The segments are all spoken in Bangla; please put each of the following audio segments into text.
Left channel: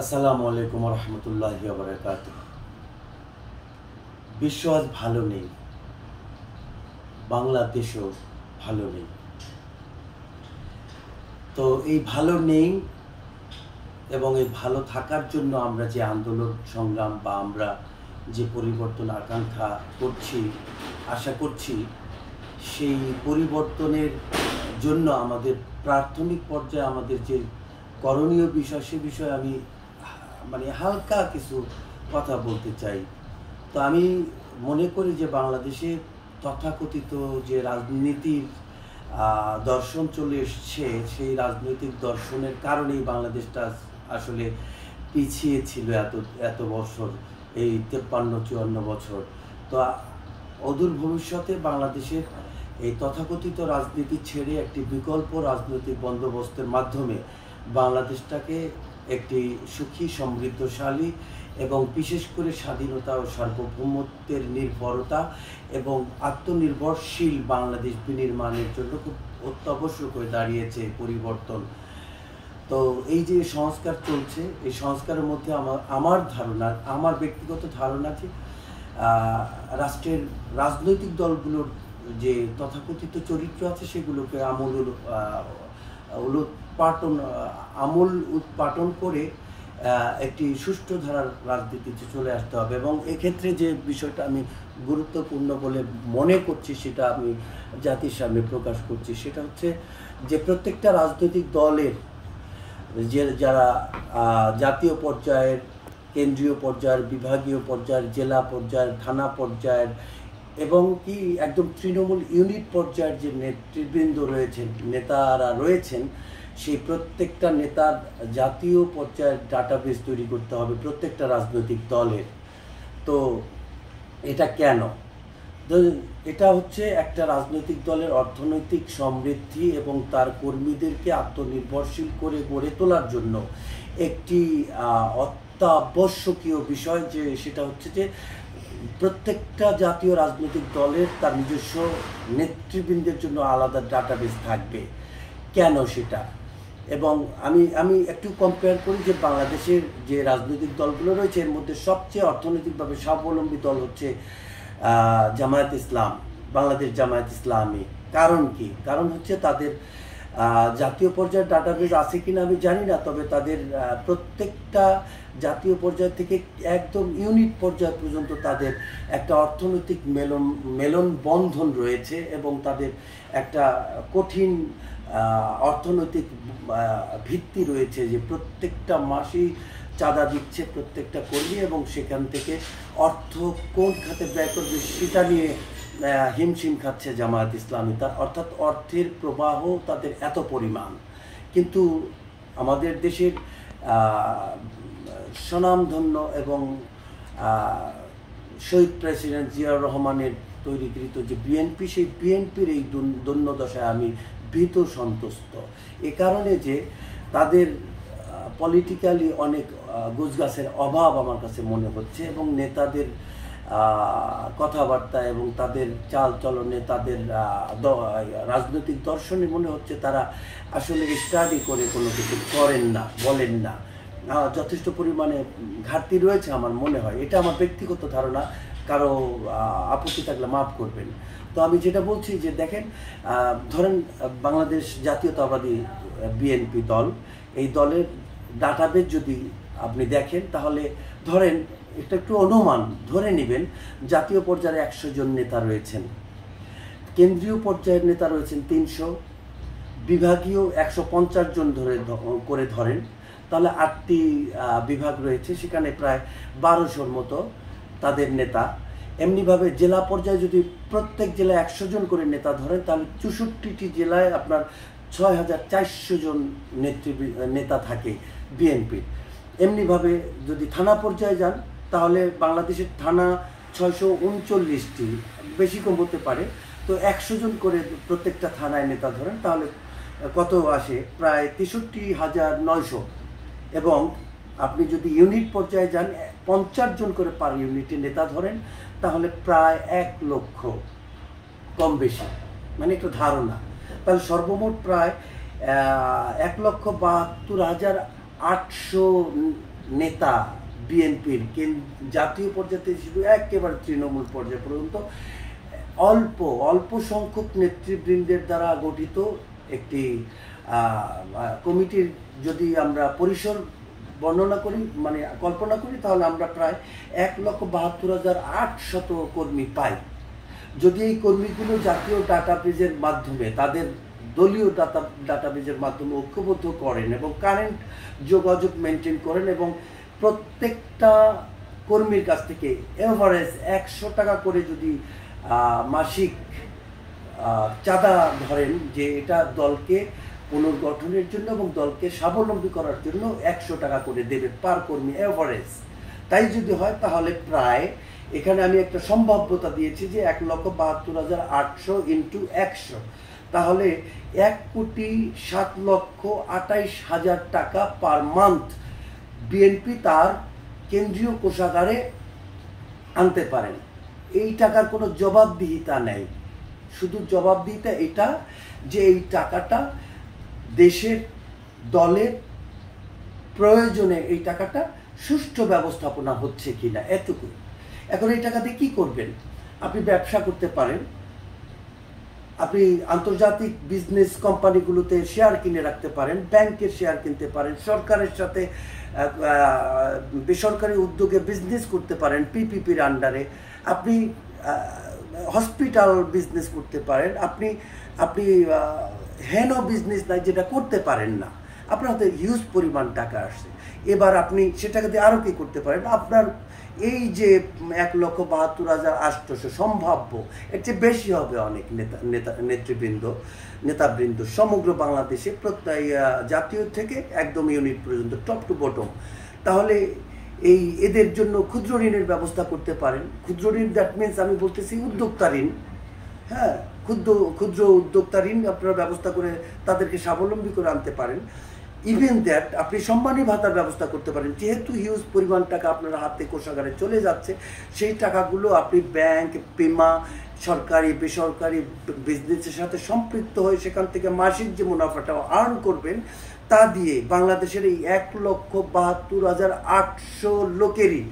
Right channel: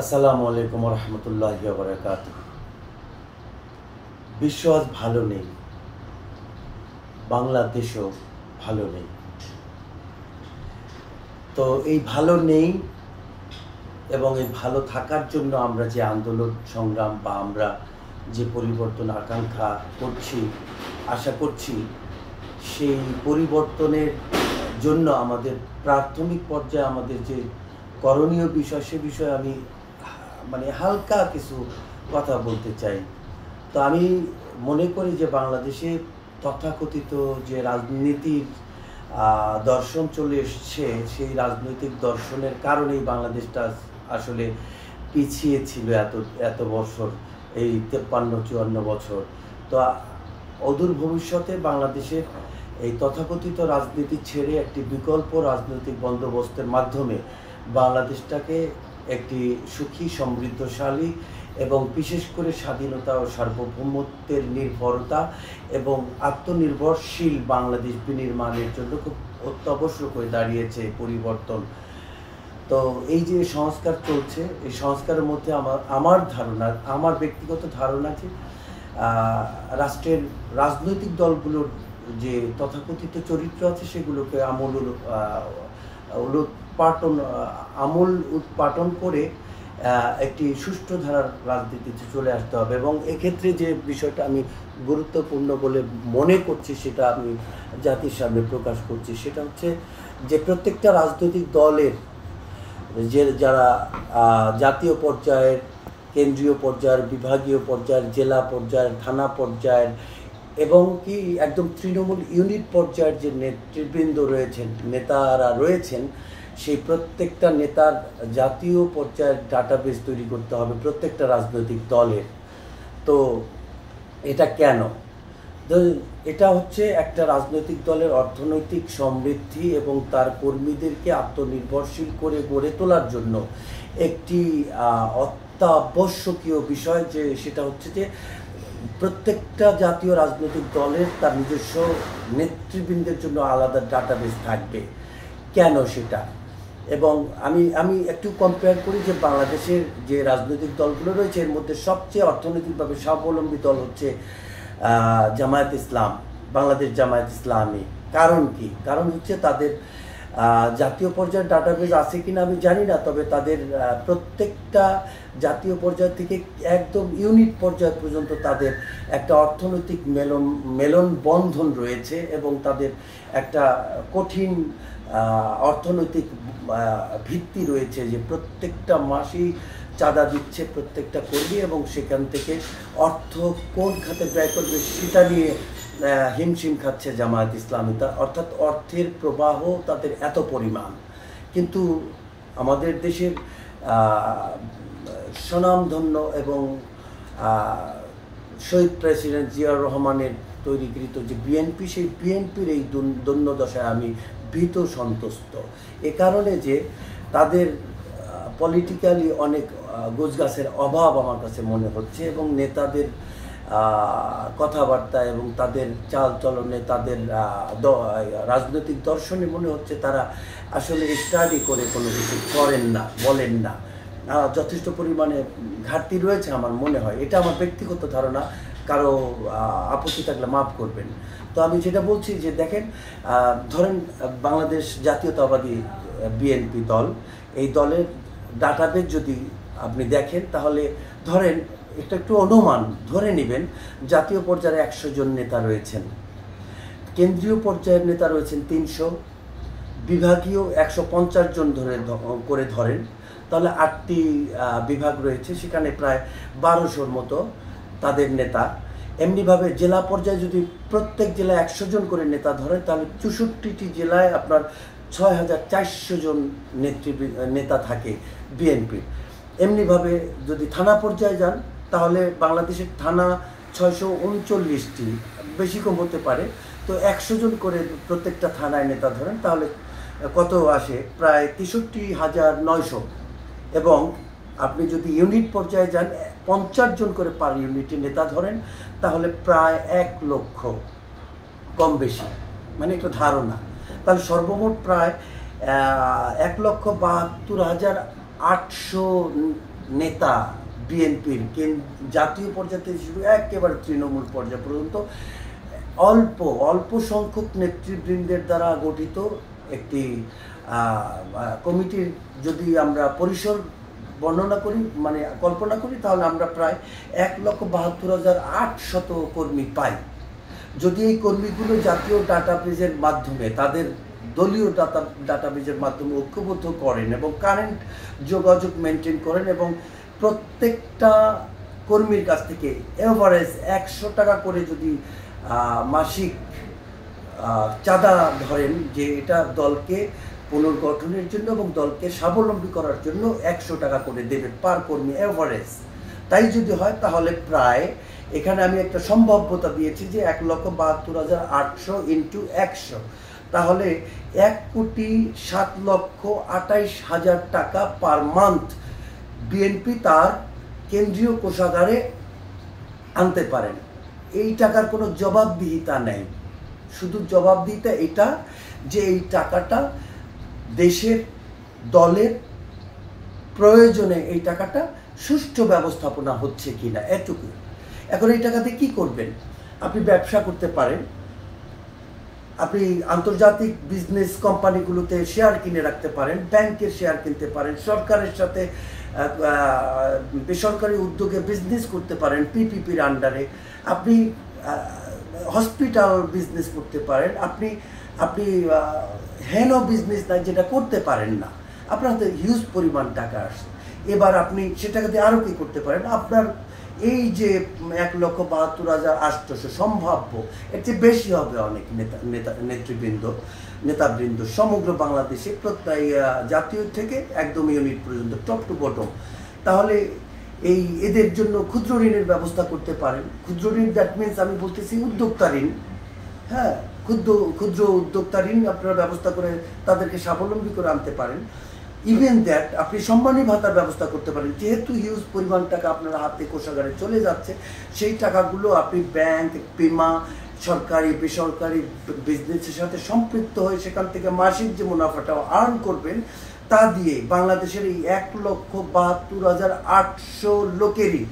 আসসালামু আলাইকুম রহমতুল্লাহি ওয়া বারাকাতুহু। বিশ্ব আজ ভালো নেই, বাংলাদেশও ভালো নেই। তো এই ভালো নেই এবং এই ভালো থাকার জন্য আমরা যে আন্দোলন সংগ্রাম বা আমরা যে পরিবর্তন আকাঙ্ক্ষা করছি, আশা করছি, সেই পরিবর্তনের জন্য আমাদের প্রাথমিক পর্যায়ে আমাদের যে করণীয় বিষয়, সে বিষয়ে আমি হালকা কিছু কথা বলতে চাই। তো আমি মনে করি যে বাংলাদেশে তথাকথিত যে রাজনীতির দর্শন চলে এসছে, সেই রাজনৈতিক দর্শনের কারণেই বাংলাদেশটা আসলে পিছিয়ে ছিল এত বছর, এই 53-54 বছর। তো অদূর ভবিষ্যতে বাংলাদেশের এই তথাকথিত রাজনীতি ছেড়ে একটি বিকল্প রাজনৈতিক বন্দোবস্তের মাধ্যমে বাংলাদেশটাকে একটি সুখী, সমৃদ্ধশালী এবং বিশেষ করে স্বাধীনতা ও সার্বভৌমত্বের নির্ভরতা এবং আত্মনির্ভরশীল বাংলাদেশ বিনির্মাণের জন্য খুব অত্যাবশ্যক হয়ে দাঁড়িয়েছে পরিবর্তন। তো এই যে সংস্কার চলছে, এই সংস্কারের মধ্যে আমার ধারণা, আমার ব্যক্তিগত ধারণা যে রাষ্ট্রের রাজনৈতিক দলগুলোর যে তথাকথিত চরিত্র আছে, সেগুলোকে আমূল উৎপাটন করে একটি সুষ্ঠু ধারার রাজনীতিতে চলে আসতে হবে। এবং এক্ষেত্রে যে বিষয়টা আমি গুরুত্বপূর্ণ বলে মনে করছি, সেটা আমি জাতির সামনে প্রকাশ করছি, সেটা হচ্ছে যে প্রত্যেকটা রাজনৈতিক দলের যারা জাতীয় পর্যায়ের, কেন্দ্রীয় পর্যায়ের, বিভাগীয় পর্যায়ের, জেলা পর্যায়ের, থানা পর্যায়ের এবং কি একদম তৃণমূল ইউনিট পর্যায়ের যে নেতৃবৃন্দ রয়েছেন, নেতারা রয়েছেন, সেই প্রত্যেকটা নেতার জাতীয় পর্যায়ের ডাটাবেস তৈরি করতে হবে প্রত্যেকটা রাজনৈতিক দলের। তো এটা কেন? এটা হচ্ছে একটা রাজনৈতিক দলের অর্থনৈতিক সমৃদ্ধি এবং তার কর্মীদেরকে আত্মনির্ভরশীল করে গড়ে তোলার জন্য একটি অত্যাবশ্যকীয় বিষয়, যে সেটা হচ্ছে যে প্রত্যেকটা জাতীয় রাজনৈতিক দলের তার নিজস্ব নেতৃবৃন্দের জন্য আলাদা ডাটাবেস থাকবে। কেন সেটা? এবং আমি একটু কম্পেয়ার করি যে বাংলাদেশের যে রাজনৈতিক দলগুলো রয়েছে, এর মধ্যে সবচেয়ে অর্থনৈতিকভাবে স্বাবলম্বী দল হচ্ছে জামায়াত ইসলাম, বাংলাদেশ জামায়াত ইসলামী। কারণ কি? কারণ হচ্ছে তাদের জাতীয় পর্যায়ের ডাটাবেস আছে কিনা আমি জানি না, তবে তাদের প্রত্যেকটা জাতীয় পর্যায় থেকে একদম ইউনিট পর্যায় পর্যন্ত তাদের একটা অর্থনৈতিক মেলনবন্ধন রয়েছে এবং তাদের একটা কঠিন অর্থনৈতিক ভিত্তি রয়েছে, যে প্রত্যেকটা মাসেই চাঁদা দিচ্ছে প্রত্যেকটা কর্মী এবং সেখান থেকে অর্থ কোন খাতে ব্যয় করবে সেটা নিয়ে হিমশিম খাচ্ছে জামায়াত ইসলামী। অর্থাৎ অর্থের প্রবাহ তাদের এত পরিমাণ। কিন্তু আমাদের দেশের স্বনামধন্য এবং শহীদ প্রেসিডেন্ট জিয়াউর রহমানের তৈরিকৃত যে বিএনপি, সেই বিএনপির এই দৈন্যদশায় আমি ভীত সন্তুষ্ট। এ কারণে যে তাদের পলিটিক্যালি অনেক গোছগাছের অভাব আমার কাছে মনে হচ্ছে এবং নেতাদের কথাবার্তা এবং তাদের চাল চলনে, তাদের রাজনৈতিক দর্শনে মনে হচ্ছে তারা আসলে স্টাডি করে কোনো কিছু করেন না, বলেন না। যথেষ্ট পরিমাণে ঘাটতি রয়েছে আমার মনে হয়। এটা আমার ব্যক্তিগত ধারণা, কারো আপত্তি থাকলে মাফ করবেন। তো আমি যেটা বলছি যে দেখেন, ধরেন বাংলাদেশ জাতীয়তাবাদী বিএনপি দল, এই দলের ডাটাবেস যদি আপনি দেখেন, তাহলে ধরেন একটু অনুমান ধরে নেবেন, জাতীয় পর্যায়ে 100 জন নেতা রয়েছেন, কেন্দ্রীয় পর্যায়ের নেতা রয়েছেন 300, বিভাগীয় 150 জন করে ধরেন, তাহলে 8টি বিভাগ রয়েছে, সেখানে প্রায় 1200-র মতো তাদের নেতা। এমনিভাবে জেলা পর্যায়ে যদি প্রত্যেক জেলায় 100 জন করে নেতা ধরেন, তাহলে 64টি জেলায় আপনার 6400 জন নেতা থাকে বিএনপি। এমনিভাবে যদি থানা পর্যায়ে যান, তাহলে বাংলাদেশের থানা 639টি, বেশি কম হতে পারে। তো 100 জন করে প্রত্যেকটা থানায় নেতা ধরেন, তাহলে কত আসে? প্রায় 63,900। এবং আপনি যদি ইউনিট পর্যায়ে যান, 50 জন করে পার ইউনিটে নেতা ধরেন, তাহলে প্রায় 1 লক্ষ, কম বেশি, মানে একটা ধারণা। তাহলে সর্বমোট প্রায় 1,72,000 800 নেতা বিএনপির জাতীয় পর্যায়ে থেকে শুরু একেবারে তৃণমূল পর্যায় পর্যন্ত অল্প অল্প সংখ্যক নেতৃবৃন্দের দ্বারা গঠিত একটি কমিটির যদি আমরা পরিসর বর্ণনা করি, মানে কল্পনা করি, তাহলে আমরা প্রায় 1,72,800 কর্মী পাই। যদি এই কর্মীগুলো জাতীয় ডাটাবেজের মাধ্যমে, তাদের দলীয় ডাটাবেজের মাধ্যমে ঐক্যবদ্ধ করেন এবং কারেন্ট যোগাযোগ মেনটেন করেন এবং প্রত্যেকটা কর্মীর কাছ থেকে এভারেজ 100 টাকা করে যদি মাসিক চাঁদা ধরেন, যে এটা দলকে পুনর্গঠনের জন্য এবং দলকে স্বাবলম্বী করার জন্য 100 টাকা করে দেবে পার কর্মী এভারেজ, তাই যদি হয় তাহলে প্রায়, এখানে আমি একটা সম্ভাব্যতা দিয়েছি যে 1,72,800 ইন্টু 100, তাহলে 1,07,28,000 টাকা পার মান্থ বিএনপি তার কেন্দ্রীয় কোষাগারে আনতে পারেন। এই টাকার কোনো জবাবদিহিতা নেই, শুধু জবাবদিহিতা এটা যে এই টাকাটা দেশের দলের প্রয়োজনে এই টাকাটা সুষ্ঠু ব্যবস্থাপনা হচ্ছে কিনা, এটুকু। এখন এই টাকা দিয়ে কী করবেন? আপনি ব্যবসা করতে পারেন, আপনি আন্তর্জাতিক বিজনেস কোম্পানিগুলোতে শেয়ার কিনে রাখতে পারেন, ব্যাংকের শেয়ার কিনতে পারেন, সরকারের সাথে বেসরকারি উদ্যোগে বিজনেস করতে পারেন পিপিপির আন্ডারে, আপনি হসপিটাল বিজনেস করতে পারেন, আপনি হেন বিজনেস নাই যেটা করতে পারেন না, আপনার হাতে হিউজ পরিমাণ টাকা আসে। এবার আপনি সে টাকা দিয়ে আরও কী করতে পারেন? আপনার এই যে 1,72,800 সম্ভাব্য, এর চেয়ে বেশি হবে অনেক নেতাবৃন্দ সমগ্র বাংলাদেশে, জাতীয় থেকে একদম ইউনিট পর্যন্ত, টপ টু বটম। তাহলে এদের জন্য ক্ষুদ্র ঋণের ব্যবস্থা করতে পারেন। ক্ষুদ্র ঋণ, দ্যাট মিনস আমি বলতেছি উদ্যোক্তা ঋণ। হ্যাঁ, ক্ষুদ্র উদ্যোক্তা ঋণ আপনারা ব্যবস্থা করে তাদেরকে স্বাবলম্বী করে আনতে পারেন। ইভেন দ্যাট আপনি সম্মানী ভাতার ব্যবস্থা করতে পারেন। যেহেতু হিউজ পরিমাণ টাকা আপনার হাতে কোষাগারে চলে যাচ্ছে, সেই টাকাগুলো আপনি ব্যাংক, বিমা, সরকারি বেসরকারি বিজনেসের সাথে সম্পৃক্ত হয়ে সেখান থেকে মাসিক যে মুনাফাটা আর্ন করবেন, তা দিয়ে বাংলাদেশের এই 1,72,800 লোকেরই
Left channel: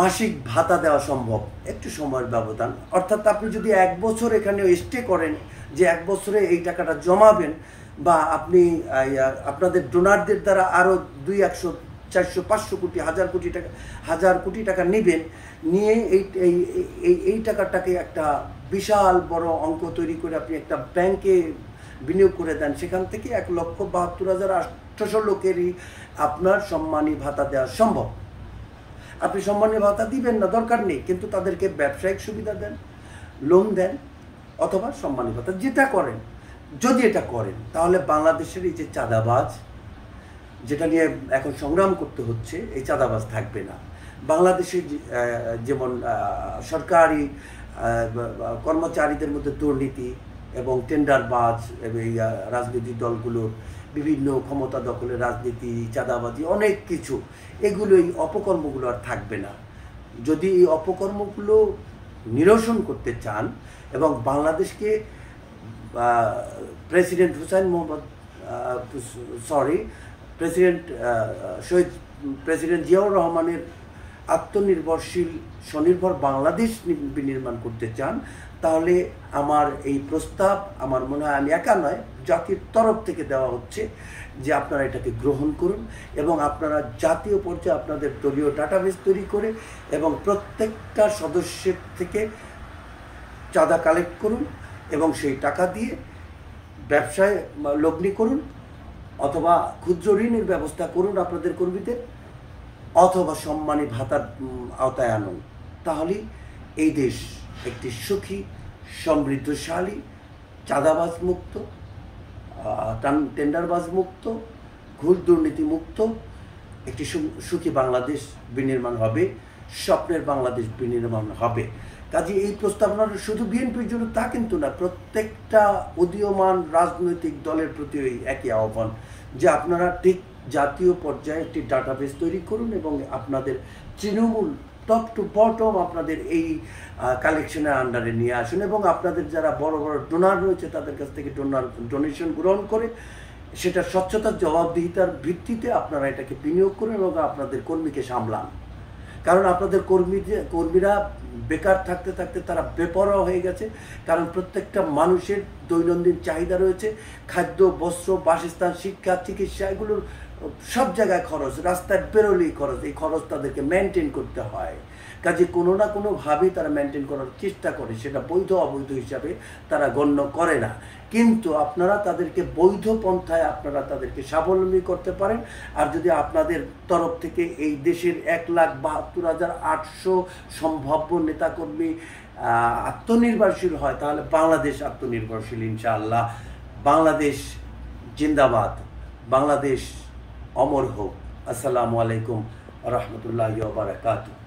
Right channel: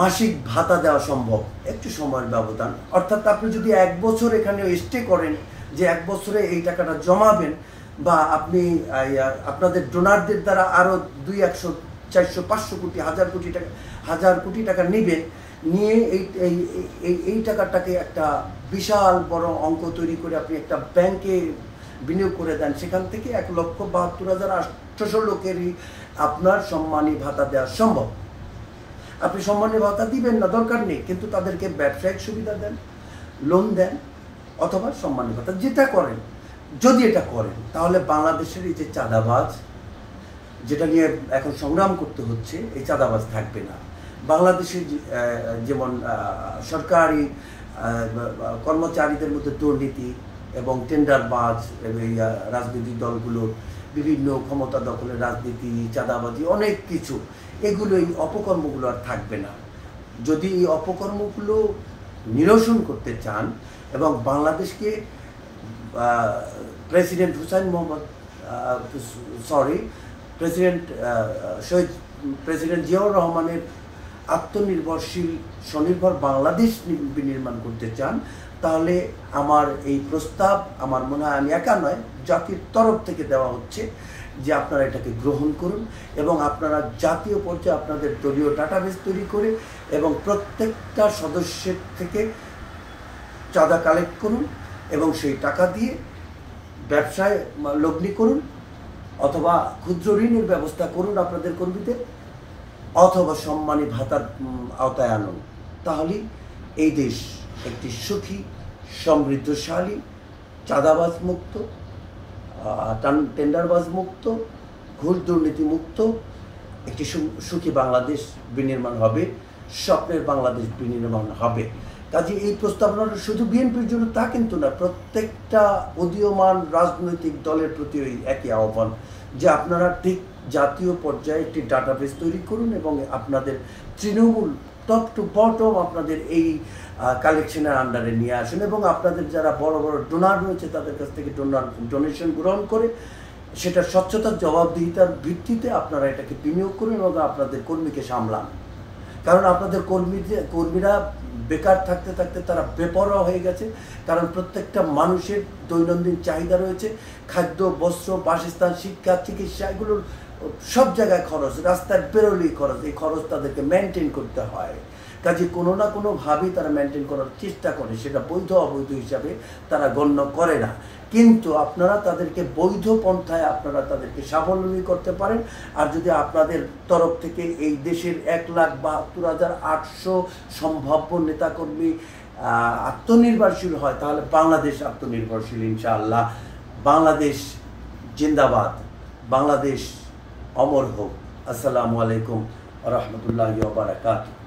মাসিক ভাতা দেওয়া সম্ভব, একটু সময়ের ব্যবধান। অর্থাৎ আপনি যদি 1 বছর এখানে স্টে করেন, যে 1 বছরে এই টাকাটা জমাবেন, বা আপনি আপনাদের ডোনারদের দ্বারা আরও 200, 400, 500 কোটি, 1000 কোটি টাকা নেবেন, নিয়ে এই টাকাটাকে একটা বিশাল বড় অঙ্ক তৈরি করে আপনি একটা ব্যাংকে বিনিয়োগ করে দেন, সেখান থেকে 1,72,800 লোকেরই আপনার সম্মানী ভাতা দেওয়া সম্ভব। আপনি সম্মানী ভাতা দিবেন না, দরকার নেই, কিন্তু তাদেরকে ব্যবসায়িক সুবিধা দেন, লোন দেন, অথবা সম্মানী ভাতা যেটা করেন। যদি এটা করেন তাহলে বাংলাদেশের এই যে চাঁদাবাজ, যেটা নিয়ে এখন সংগ্রাম করতে হচ্ছে, এই চাঁদাবাজ থাকবে না। বাংলাদেশে যেমন সরকারি কর্মচারীদের মধ্যে দুর্নীতি এবং টেন্ডারবাজ, রাজনৈতিক দলগুলোর বিভিন্ন ক্ষমতা দখলের রাজনীতি, চাঁদাবাজি, অনেক কিছু, এগুলো, এই অপকর্মগুলো আর থাকবে না। যদি এই অপকর্মগুলো নিরসন করতে চান এবং বাংলাদেশকে প্রেসিডেন্ট জিয়াউর রহমানের আত্মনির্ভরশীল স্বনির্ভর বাংলাদেশ বিনির্মাণ করতে চান, তাহলে আমার এই প্রস্তাব, আমার মনে হয় আমি একা নয়, জাতির তরফ থেকে দেওয়া হচ্ছে যে আপনারা এটাকে গ্রহণ করুন এবং আপনারা জাতীয় পর্যায়ে আপনাদের দলীয় ডাটাবেস তৈরি করে এবং প্রত্যেকটা সদস্যের থেকে চাঁদা কালেক্ট করুন এবং সেই টাকা দিয়ে ব্যবসায় লগ্নি করুন, অথবা ক্ষুদ্র ঋণের ব্যবস্থা করুন আপনাদের কর্মীদের, অথবা সম্মানী ভাতার আওতায় আনুন। তাহলেই এই দেশ একটি সুখী, সমৃদ্ধশালী, চাঁদাবাজ মুক্ত, টেন্ডারবাজ মুক্ত, ঘুষ দুর্নীতি মুক্ত একটি সুখী বাংলাদেশ বিনির্মাণ হবে, স্বপ্নের বাংলাদেশ বিনির্মাণ হবে। কাজে এই প্রস্তাবনাটা শুধু বিএনপির জন্য তা কিন্তু না, প্রত্যেকটা উদীয়মান রাজনৈতিক দলের প্রতি একই আহ্বান যে আপনারা ঠিক জাতীয় পর্যায়ে একটি ডাটাবেস তৈরি করুন এবং আপনাদের তৃণমূল টপ টু বটম আপনাদের এই কালেকশনের আন্ডারে নিয়ে আসুন এবং আপনাদের যারা বড় বড় ডোনার রয়েছে তাদের কাছ থেকে ডোনেশন গ্রহণ করে সেটা স্বচ্ছতার জবাবদিহিতার ভিত্তিতে আপনারা এটাকে বিনিয়োগ করুন এবং আপনাদের কর্মীকে সামলান। কারণ আপনাদের কর্মীরা বেকার থাকতে থাকতে তারা বেপরোয়া হয়ে গেছে। কারণ প্রত্যেকটা মানুষের দৈনন্দিন চাহিদা রয়েছে, খাদ্য, বস্ত্র, বাসস্থান, শিক্ষা, চিকিৎসা, এগুলোর সব জায়গায় খরচ, রাস্তায় বেরোলেই খরচ। এই খরচ তাদেরকে মেনটেন করতে হয়। কাজে কোনো না কোনোভাবেই তারা মেনটেন করার চেষ্টা করে, সেটা বৈধ অবৈধ হিসাবে তারা গণ্য করে না। কিন্তু আপনারা তাদেরকে বৈধ পন্থায় আপনারা তাদেরকে স্বাবলম্বী করতে পারেন। আর যদি আপনাদের তরফ থেকে এই দেশের 1,72,800 সম্ভাব্য নেতাকর্মী আত্মনির্ভরশীল হয়, তাহলে বাংলাদেশ আত্মনির্ভরশীল ইনশাআল্লাহ। বাংলাদেশ জিন্দাবাদ, বাংলাদেশ অমর হোক। আসসালামু আলাইকুম ওয়া রাহমাতুল্লাহি ওয়া বারাকাতুহু।